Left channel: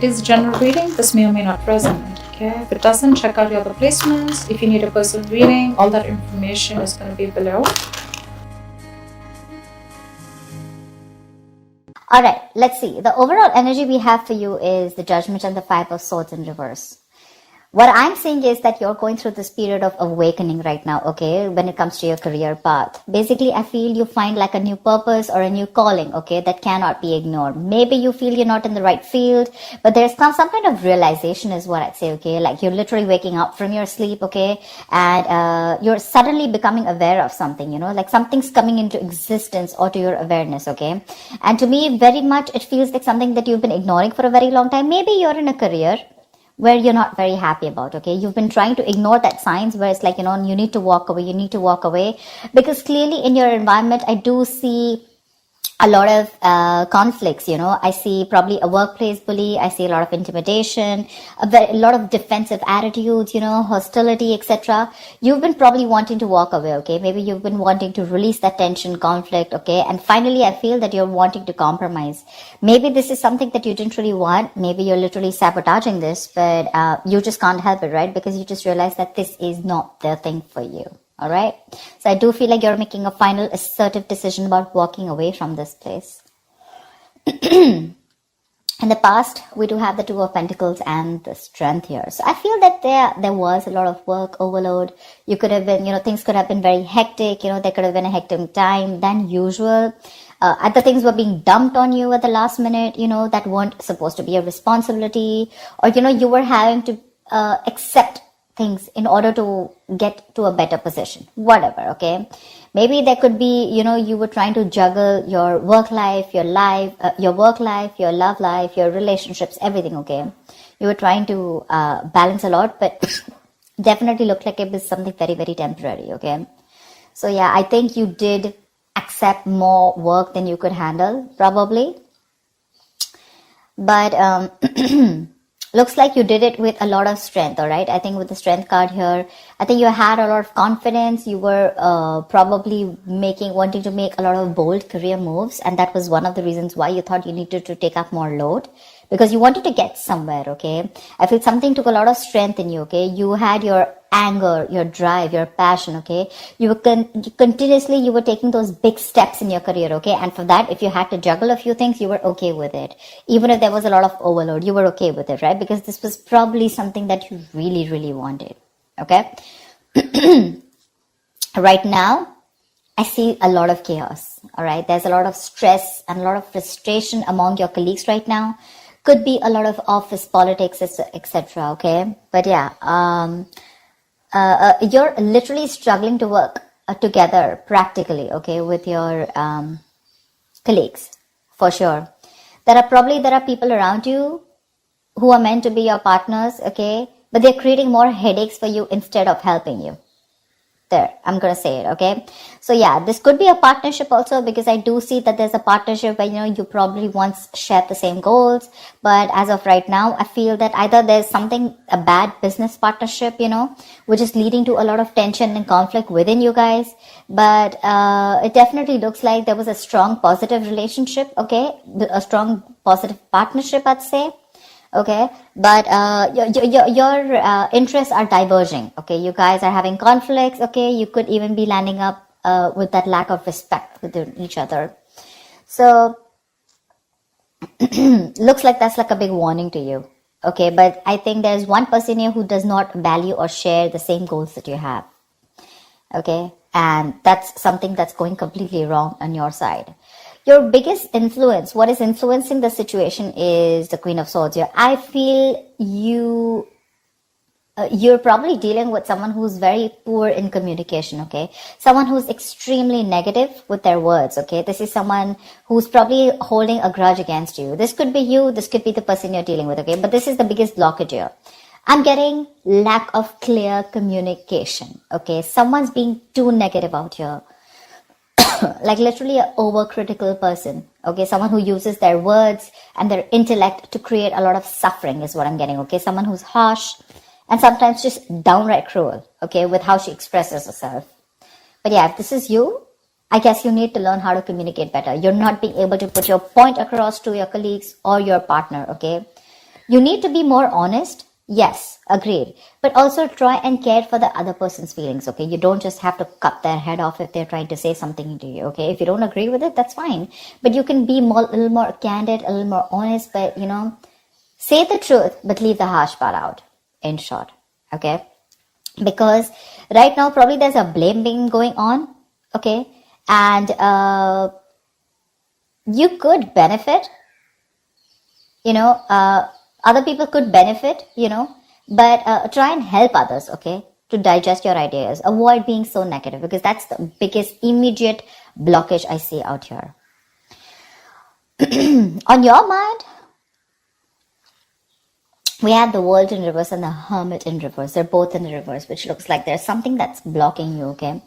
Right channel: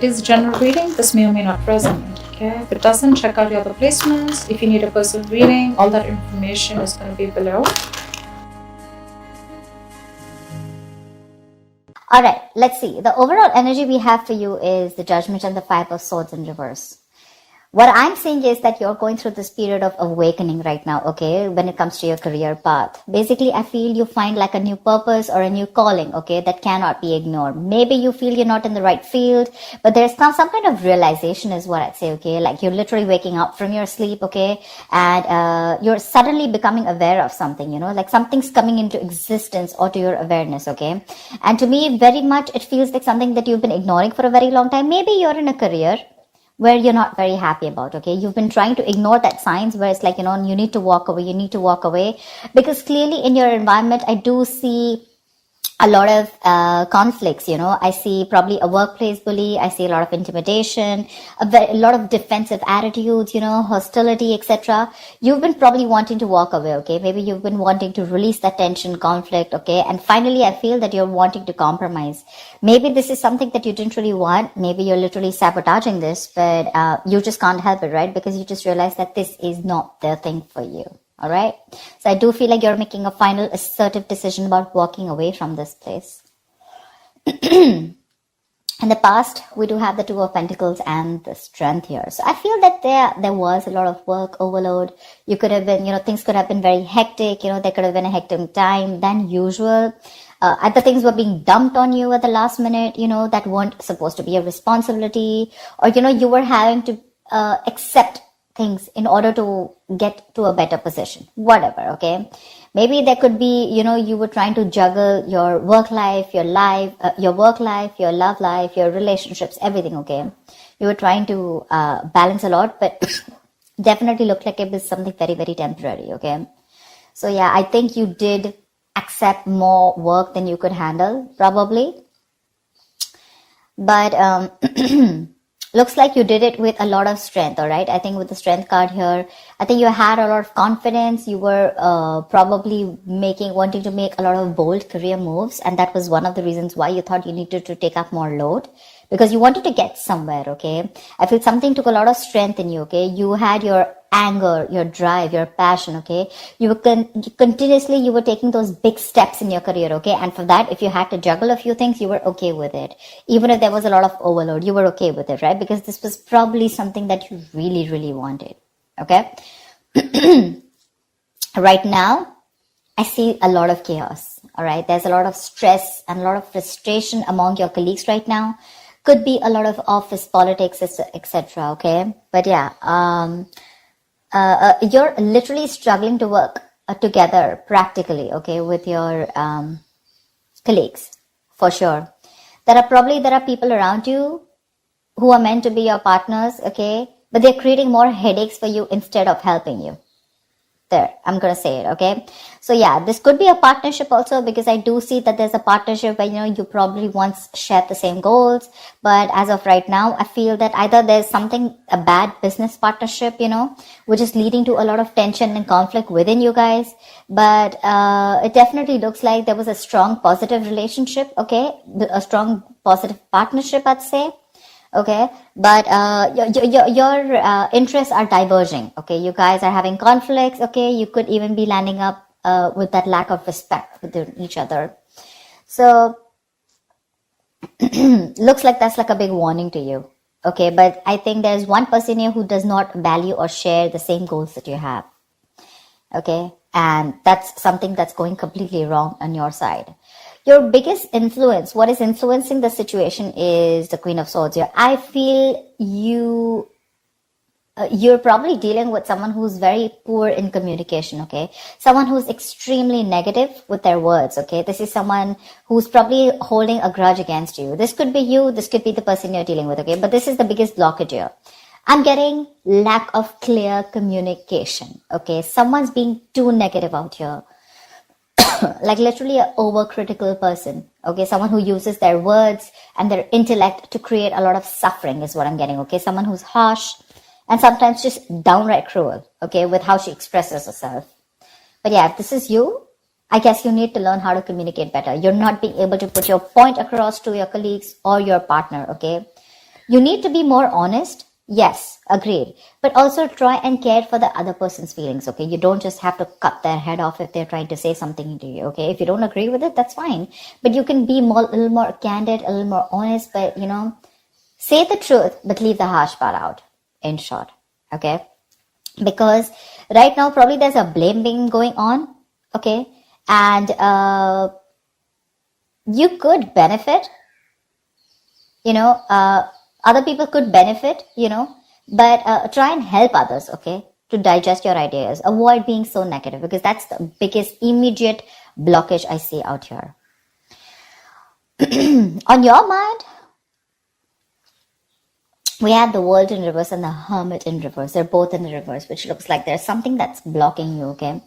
It is general reading. This may or may not resonate. Okay, if it doesn't, check out your other placements. If you need a personal reading, all that information is going to be below. Alright, let's see. The overall energy we have for you is the Judgment and the Five of Swords in reverse. What I'm saying is that you're going through this period of awakening right now, okay, when it comes to your career path. Basically, I feel you find like a new purpose or a new calling, okay, that cannot be ignored. Maybe you feel you're not in the right field, but there's some kind of realization is what I'd say, okay, like you're literally waking up from your sleep, okay, and you're suddenly becoming aware of something, you know, like something's coming into existence or to your awareness, okay. And to me, very much, it feels like something that you've been ignoring for a very long time. Maybe you're in a career where you're not very happy about, okay? You've been trying to ignore that signs where it's like, you know, you need to walk away, because clearly in your environment, I do see a lot of conflicts, you know. I see probably a workplace bully. I see a lot of intimidation, a lot of defensive attitudes, you know, hostility, etc. You've been probably wanting to walk away, okay? Maybe you've been wanting to release that tension, conflict, okay? And finally, I feel that you're wanting to compromise. Maybe this is something that you didn't really want. Maybe you're literally sabotaging this, but you just can't help it, right? Because you just realize that this is not the thing for you. All right. So I do feel like you're making a final assertive decision about walking away from this place. In the past, we do have the Two of Pentacles and the Strength here. So I feel that there was a lot of work overload. You could have been, you know, things could have been very hectic. You know, there could have been a hectic time than usual. The things were being dumped on you at the last minute, you know, that weren't supposed to be a responsibility. Or, you know, you were having to accept things in order to get to a better position, whatever, okay? Maybe there could be, you know, you were trying to juggle your work life, your work life, your love life, your relationships, everything, okay? You were trying to balance a lot, but definitely looked like it was something very, very temporary, okay? So yeah, I think you did accept more work than you could handle, probably. But looks like you did it with a lot of strength, all right? I think with the Strength card here, I think you had a lot of confidence. You were probably wanting to make a lot of bold career moves. And that was one of the reasons why you thought you needed to take up more load, because you wanted to get somewhere, okay? I feel something took a lot of strength in you, okay? You had your anger, your drive, your passion, okay? You were continuously, you were taking those big steps in your career, okay? And for that, if you had to juggle a few things, you were okay with it. Even if there was a lot of overload, you were okay with it, right? Because this was probably something that you really, really wanted, okay? Right now, I see a lot of chaos, all right? There's a lot of stress and a lot of frustration among your colleagues right now. Could be a lot of office politics, etc., okay? But yeah, you're literally struggling to work together practically, okay, with your colleagues, for sure. There are people around you who are meant to be your partners, okay, but they're creating more headaches for you instead of helping you. There, I'm going to say it, okay? So yeah, this could be a partnership also, because I do see that there's a partnership where, you know, you probably once shared the same goals, but as of right now, I feel that either there's a bad business partnership, you know, which is leading to a lot of tension and conflict within you guys, but it definitely looks like there was a strong positive relationship, okay? A strong positive partnership, I'd say. Okay, but your interests are diverging. Okay, you guys are having conflicts. Okay, you could even be landing up with that lack of respect within each other. So looks like that's like a big warning to you. Okay, but I think there's one person here who does not value or share the same goals that you have. Okay, and that's something that's going completely wrong on your side. Your biggest influence, what is influencing the situation, is the Queen of Swords here. I feel you're probably dealing with someone who's very poor in communication, okay? Someone who's extremely negative with their words, okay? This is someone who's probably holding a grudge against you. This could be you, this could be the person you're dealing with, okay? But this is the biggest blockage here. I'm getting lack of clear communication, okay? Someone's being too negative out here. Like literally an overcritical person, okay? Someone who uses their words and their intellect to create a lot of suffering is what I'm getting, okay? Someone who's harsh and sometimes just downright cruel, okay, with how she expresses herself. But yeah, if this is you, I guess you need to learn how to communicate better. You're not being able to put your point across to your colleagues or your partner, okay? You need to be more honest. Yes, agreed. But also try and care for the other person's feelings, okay? You don't just have to cut their head off if they're trying to say something to you, okay? If you don't agree with it, that's fine. But you can be more, a little more candid, a little more honest, but, say the truth, but leave the harsh part out, in short, okay? Because right now, probably there's a blame game going on, okay? And you could benefit, other people could benefit, but try and help others, okay, to digest your ideas. Avoid being so negative, because that's the biggest immediate blockage I see out here. On your mind, we have the World in reverse and the Hermit in reverse. They're both in the reverse, which looks like there's something that's blocking you, okay?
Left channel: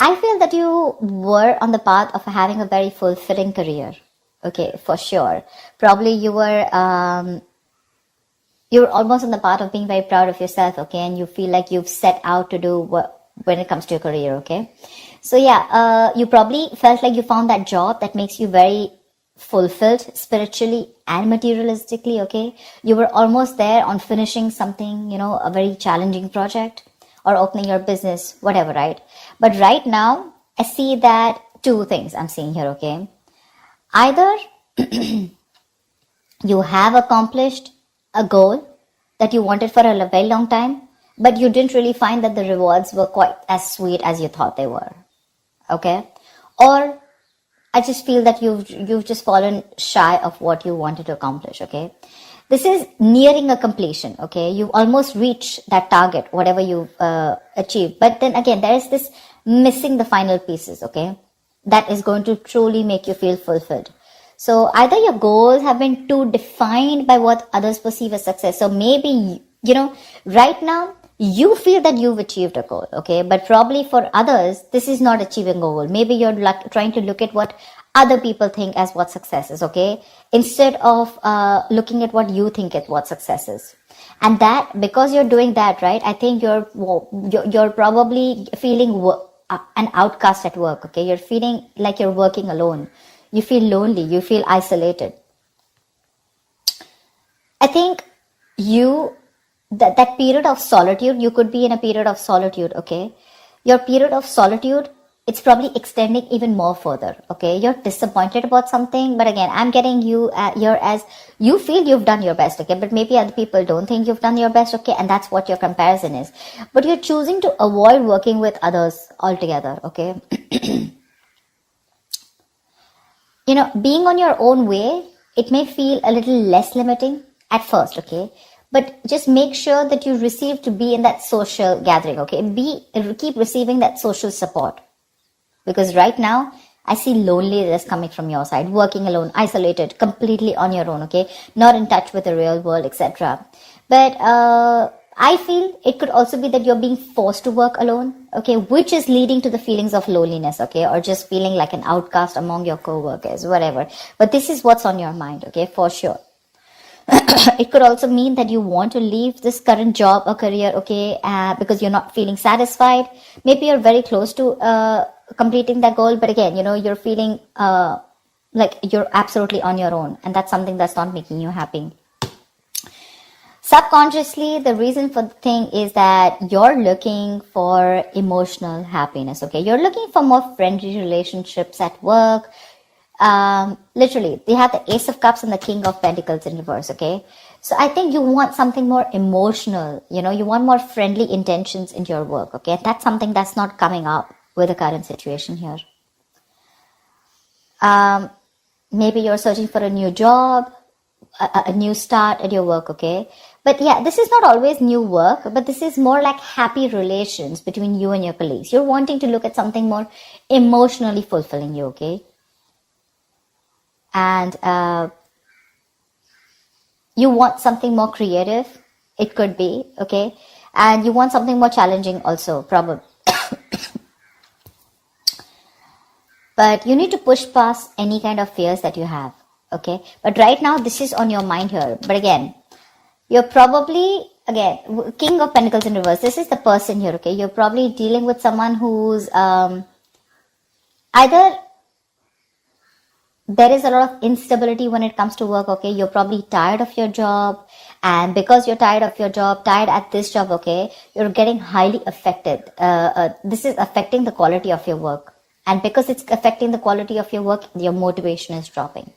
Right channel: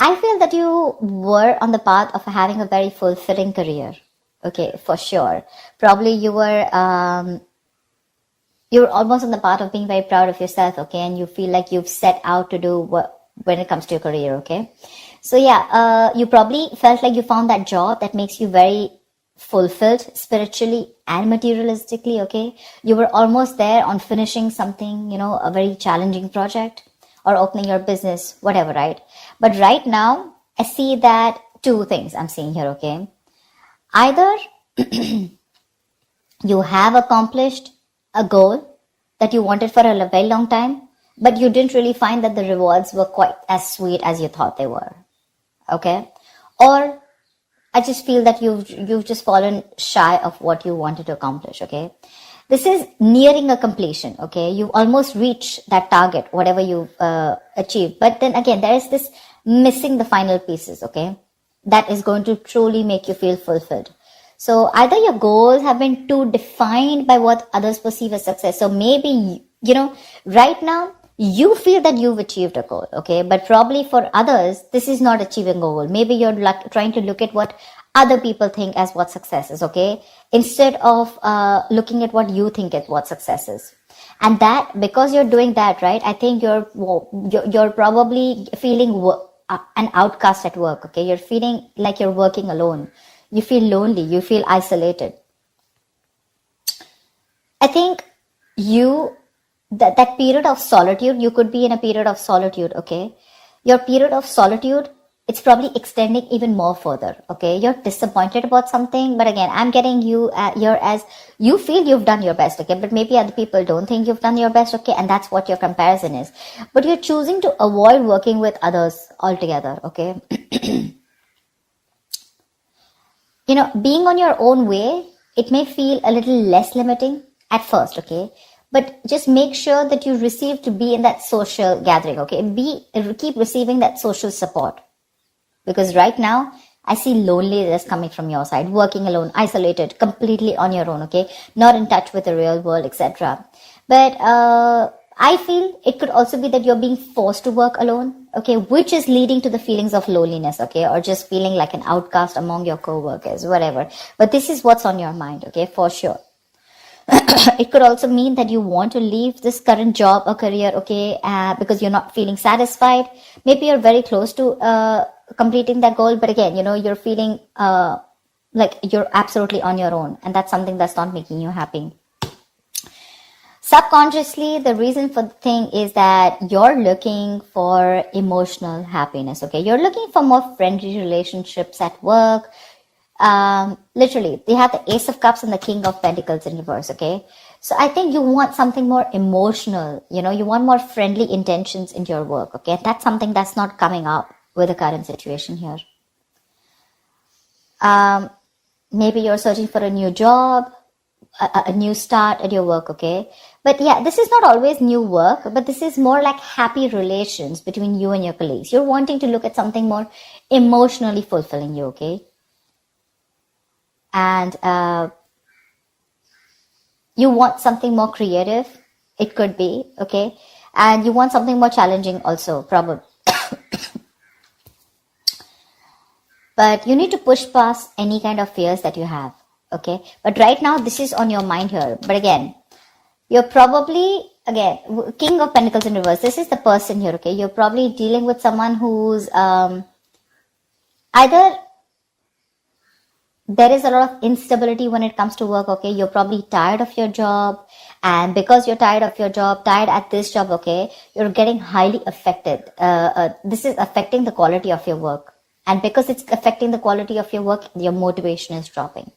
I feel that you were on the path of having a very fulfilling career, okay, for sure. Probably you were almost on the path of being very proud of yourself, okay, and you feel like you've set out to do what when it comes to your career, okay? So yeah, you probably felt like you found that job that makes you very fulfilled spiritually and materialistically, okay? You were almost there on finishing something, a very challenging project or opening your business, whatever, right? But right now, I see that two things I'm seeing here, okay? Either you have accomplished a goal that you wanted for a very long time, but you didn't really find that the rewards were quite as sweet as you thought they were, okay? Or I just feel that you've just fallen shy of what you wanted to accomplish, okay? This is nearing a completion, okay? You've almost reached that target, whatever you've achieved. But then again, there is this missing the final pieces, okay? That is going to truly make you feel fulfilled. So either your goals have been too defined by what others perceive as success. So maybe, right now, you feel that you've achieved a goal, okay? But probably for others, this is not achieving a goal. Maybe you're trying to look at what other people think as what success is, okay? Instead of looking at what you think is what success is. And that, because you're doing that, right, I think you're probably feeling an outcast at work, okay? You're feeling like you're working alone. You feel lonely. You feel isolated. I think that period of solitude, you could be in a period of solitude, okay? Your period of solitude, it's probably extending even more further, okay? You're disappointed about something, but again, I'm getting you here as you feel you've done your best, okay? But maybe other people don't think you've done your best, okay? And that's what your comparison is. But you're choosing to avoid working with others altogether, okay? Being on your own way, it may feel a little less limiting at first, okay? But just make sure that you receive to be in that social gathering, okay? Keep receiving that social support. Because right now, I see loneliness coming from your side, working alone, isolated, completely on your own, okay? Not in touch with the real world, etc. But I feel it could also be that you're being forced to work alone, okay? Which is leading to the feelings of loneliness, okay? Or just feeling like an outcast among your co-workers, whatever. But this is what's on your mind, okay? For sure. It could also mean that you want to leave this current job or career, okay, because you're not feeling satisfied. Maybe you're very close to completing that goal, but again, you're feeling like you're absolutely on your own, and that's something that's not making you happy. Subconsciously, the reason for the thing is that you're looking for emotional happiness, okay? You're looking for more friendly relationships at work. Literally, we have the Ace of Cups and the King of Pentacles in reverse, okay? So I think you want something more emotional, you want more friendly intentions in your work, okay? That's something that's not coming up with the current situation here. Maybe you're searching for a new job, a new start at your work, okay? But yeah, this is not always new work, but this is more like happy relations between you and your colleagues. You're wanting to look at something more emotionally fulfilling you, okay? And you want something more creative, it could be, okay? And you want something more challenging also, probably. But you need to push past any kind of fears that you have, okay? But right now, this is on your mind here. But again, you're probably, again, King of Pentacles in reverse. This is the person here, okay? You're probably dealing with someone who's either there is a lot of instability when it comes to work, okay? You're probably tired of your job, And because you're tired of your job, tired at this job, okay, you're getting highly affected. This is affecting the quality of your work. And because it's affecting the quality of your work, your motivation is dropping.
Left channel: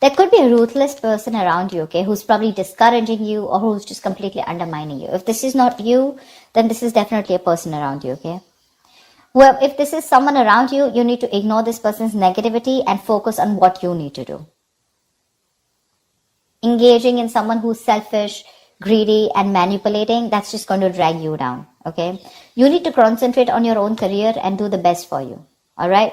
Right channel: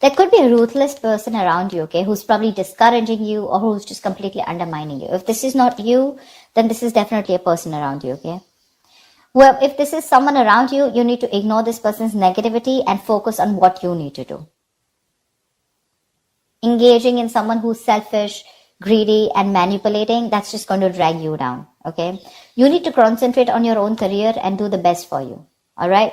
There could be a ruthless person around you, okay, who's probably discouraging you or who's just completely undermining you. If this is not you, then this is definitely a person around you, okay? Well, if this is someone around you, you need to ignore this person's negativity and focus on what you need to do. Engaging in someone who's selfish, greedy, and manipulating, that's just going to drag you down, okay? You need to concentrate on your own career and do the best for you, all right?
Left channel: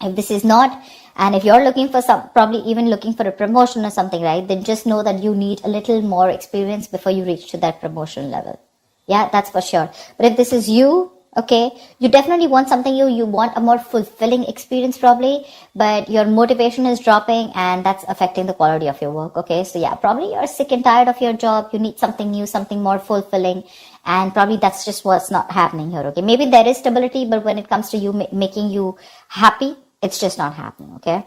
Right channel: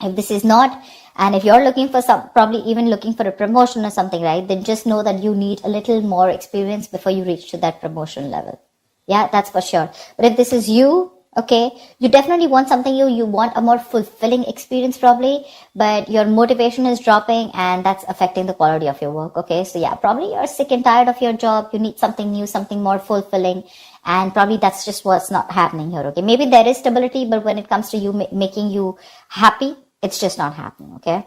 If this is not, and if you're looking for probably even looking for a promotion or something, right, then just know that you need a little more experience before you reach to that promotion level. Yeah, that's for sure. But if this is you, okay, you definitely want something you want a more fulfilling experience probably, but your motivation is dropping and that's affecting the quality of your work, okay? So yeah, probably you're sick and tired of your job, you need something new, something more fulfilling, and probably that's just what's not happening here, okay? Maybe there is stability, but when it comes to you making you happy, it's just not happening, okay?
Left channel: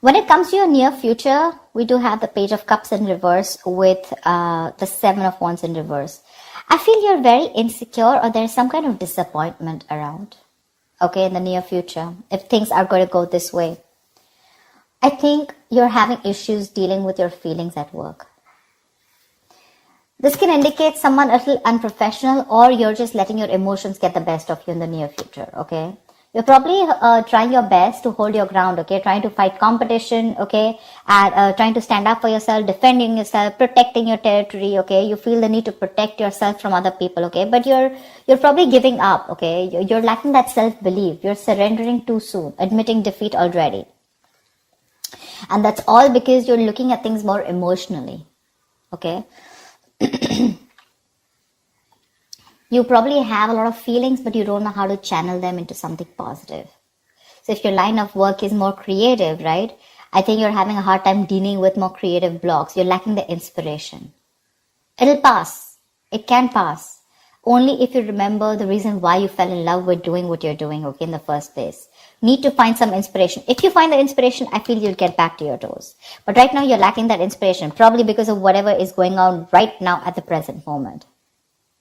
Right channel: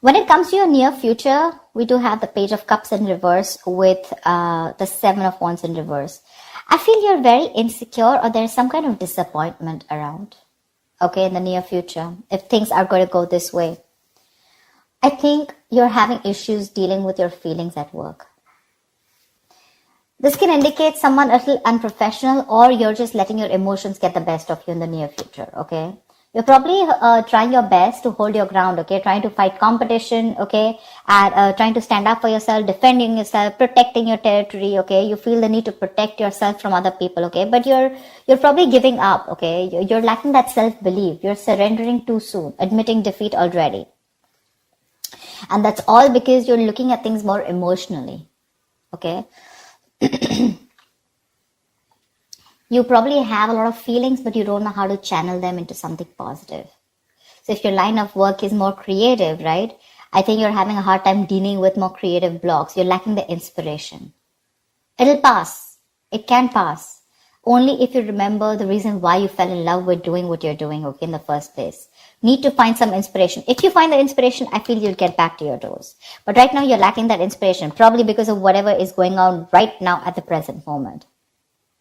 When it comes to your near future, we do have the Page of Cups in reverse with the Seven of Wands in reverse. I feel you're very insecure or there's some kind of disappointment around, okay, in the near future, if things are going to go this way. I think you're having issues dealing with your feelings at work. This can indicate someone a little unprofessional or you're just letting your emotions get the best of you in the near future, okay? You're probably trying your best to hold your ground, okay? Trying to fight competition, okay? And trying to stand up for yourself, defending yourself, protecting your territory, okay? You feel the need to protect yourself from other people, okay? But you're probably giving up, okay? You're lacking that self-belief. You're surrendering too soon, admitting defeat already. And that's all because you're looking at things more emotionally, okay? You probably have a lot of feelings, but you don't know how to channel them into something positive. So if your line of work is more creative, right? I think you're having a hard time dealing with more creative blocks. You're lacking the inspiration. It'll pass. It can pass. Only if you remember the reason why you fell in love with doing what you're doing, okay, in the first place. Need to find some inspiration. If you find the inspiration, I feel you'll get back to your doors. But right now, you're lacking that inspiration, probably because of whatever is going on right now at the present moment.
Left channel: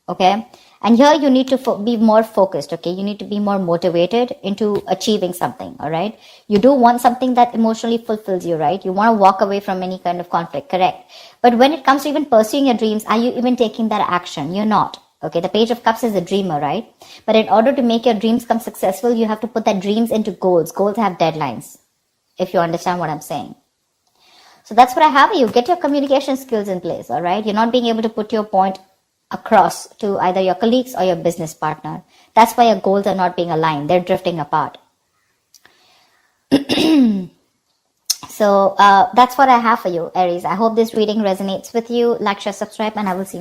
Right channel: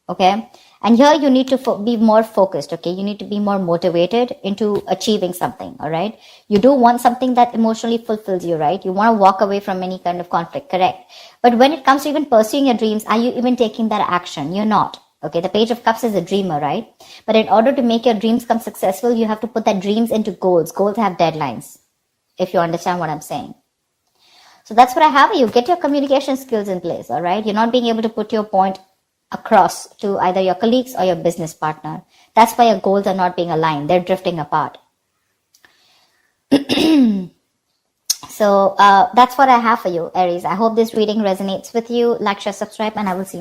Okay? And here you need to be more focused, okay? You need to be more motivated into achieving something, all right? You do want something that emotionally fulfills you, right? You want to walk away from any kind of conflict, correct? But when it comes to even pursuing your dreams, are you even taking that action? You're not. Okay, the Page of Cups is a dreamer, right? But in order to make your dreams come successful, you have to put that dreams into goals. Goals have deadlines, if you understand what I'm saying. So that's what I have. You get your communication skills in place, all right? You're not being able to put your point across to either your colleagues or your business partner. That's why your goals are not being aligned. They're drifting apart. So that's what I have for you, Aries. I hope this reading resonates with you. Like, share, subscribe, and I will see you.